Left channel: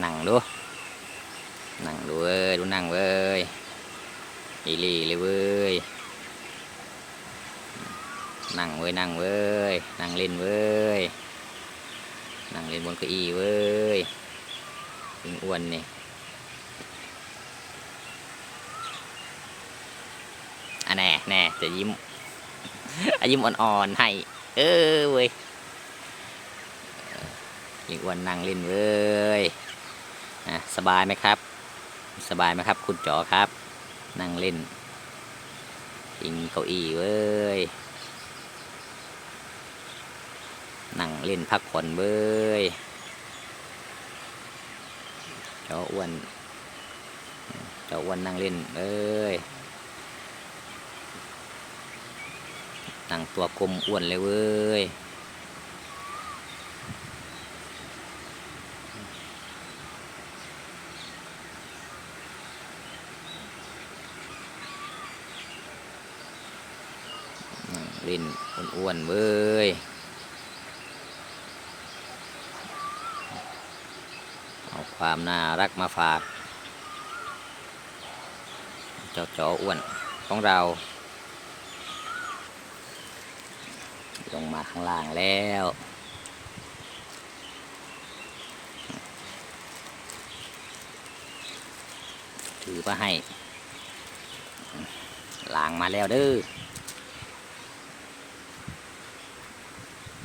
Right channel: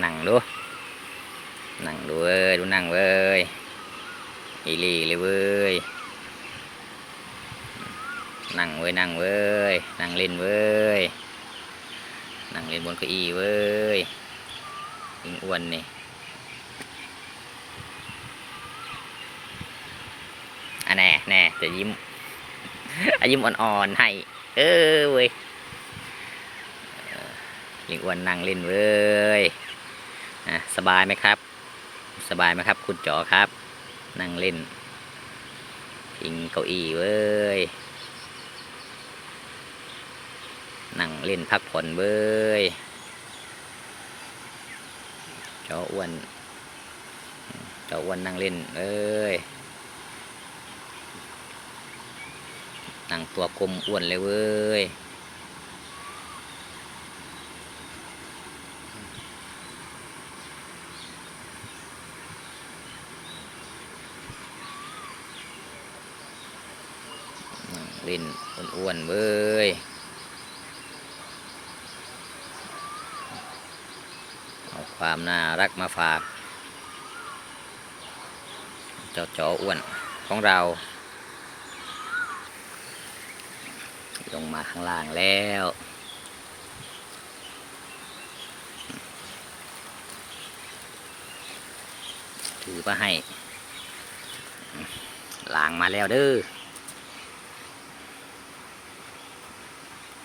นั่งดูนั่งดูเว้ยดูนั่งเว้ยอีหลีเลยเว้ยนั่งเว้ยนั่งเว้ยนั่งเล่นเว้ยนั่งเล่นบนเก้าอี้เว้ยยิงอ้วนนี่อันแน่แน่จะยิ้มอะยิ้มอ่อนๆให้ เออเว้ยอิงอ้วนนั่งเล่นเว้ย อะสบายไหมครับ สบายไหมครับ คุณจ๋อครับ นั่งเล่นยิงเก้าอี้เว้ย นั่งเล่นพักผ่อนเว้ยจออ้วนจออ้วนนั่งเล่นเอ้ยนั่งตัวกลมอ้วนเลยเว้ย ล่นอ้วนๆเว้ยเอาความน่ารักมาฝาก เจ้าจออ้วนของเรา ลงมาข้างล่างแล้วถือมาให้ล้างมาแล้วเด้อ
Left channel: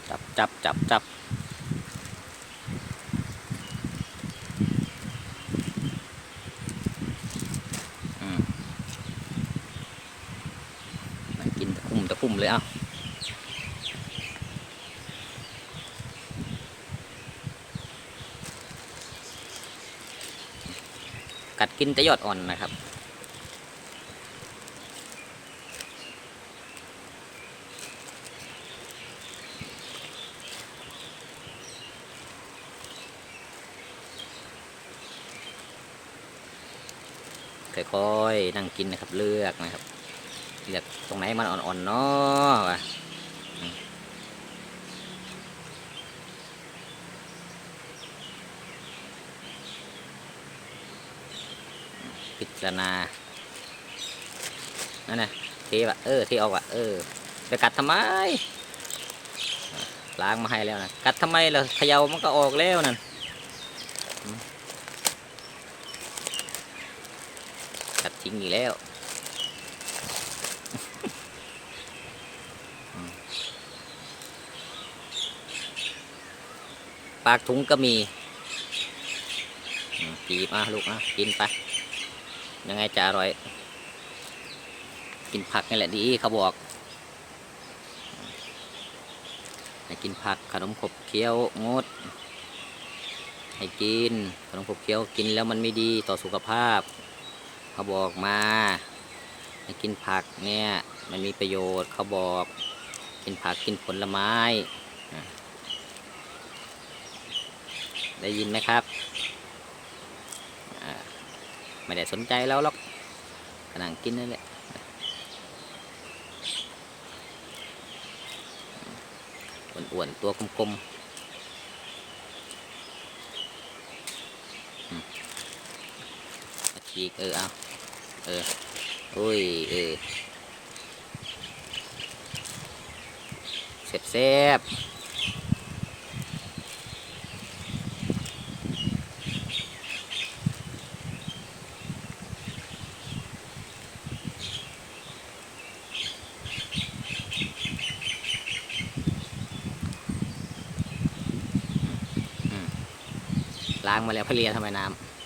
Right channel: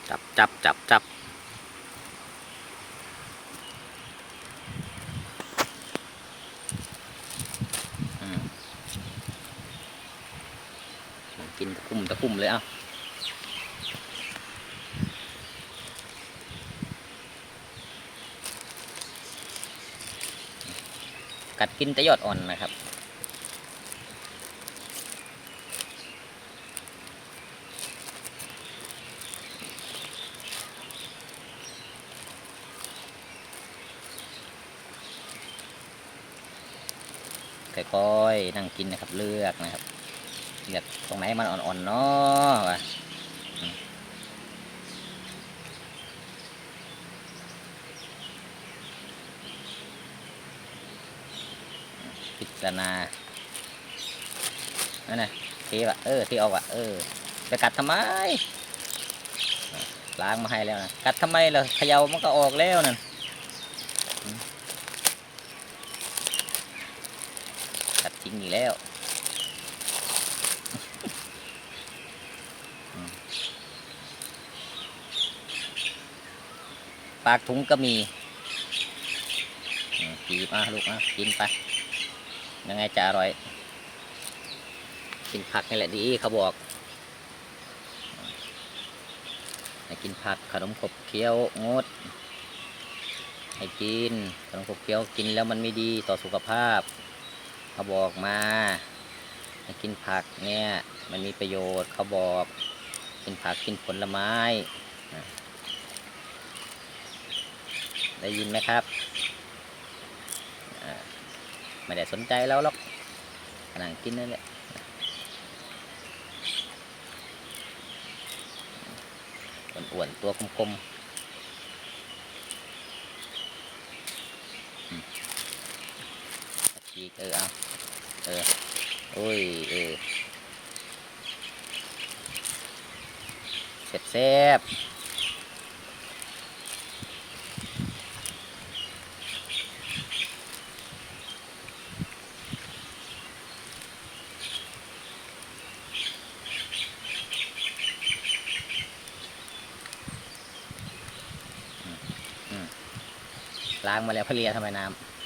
จับจับจับจับกินตะคุ่มตะคุ่มเลยอ้ากัดกินต่ยอดอ่อนนะครับ ค่อยๆนั่งกินนะครับ เลือกนะครับเลือกตรงไหนมันอ่อนๆเนาะพิจารณานั่นนะเทวะเออเทออกอะเออ ไปกัดทำไม ล้างมาให้แล้วนะ กัดทำไมล่ะเขย่ามันก็ออกแล้วนั่นอืม กัดทิ้งอีกแล้วปากถุงก็มีกีบอะลูกอะกินไปยังไงจะอร่อย กินผักนี่แหละดีเขาบอกให้กินผักขนมขบเคี้ยวงด ให้กินขนมขบเคี้ยวกินแล้วมันไม่ดีต่อสุขภาพ เขาบอกมาให้กินผักเนี่ย มันมีประโยชน์เขาบอก กินผักกินผลไม้ ได้ยินนะครับ ไม่ได้สนใจแล้วหรอกกำลังกินนั่นแหละอ้วนๆตัวกลมๆอืม ฉีกเออเอาเออโอ้ยเออเสร็จแซ่บล้างมาแล้วพเลียทำไมน้ำ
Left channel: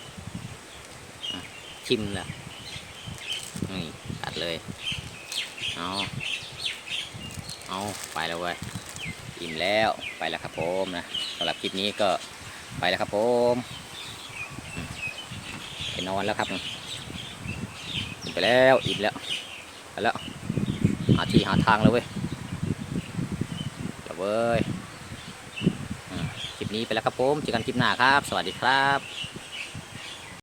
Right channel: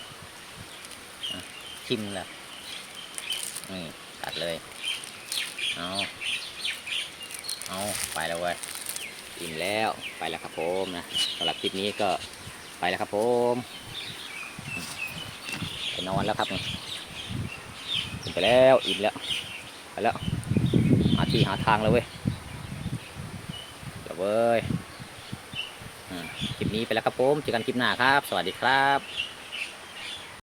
ชิมเลยนี่ตัดเลย เอาเอาไปแล้วเว้ยอิ่มแล้วไปแล้วครับผมนะสำหรับคลิปนี้ก็ไปแล้วครับผมไปนอนแล้วครับนี่กินไปแล้วอิ่มแล้วไปแล้วหาที่หาทางเลยเว้ยเดี๋ยวเว้ยคลิปนี้ไปแล้วครับผมเจอกันคลิปหน้าครับ สวัสดีครับ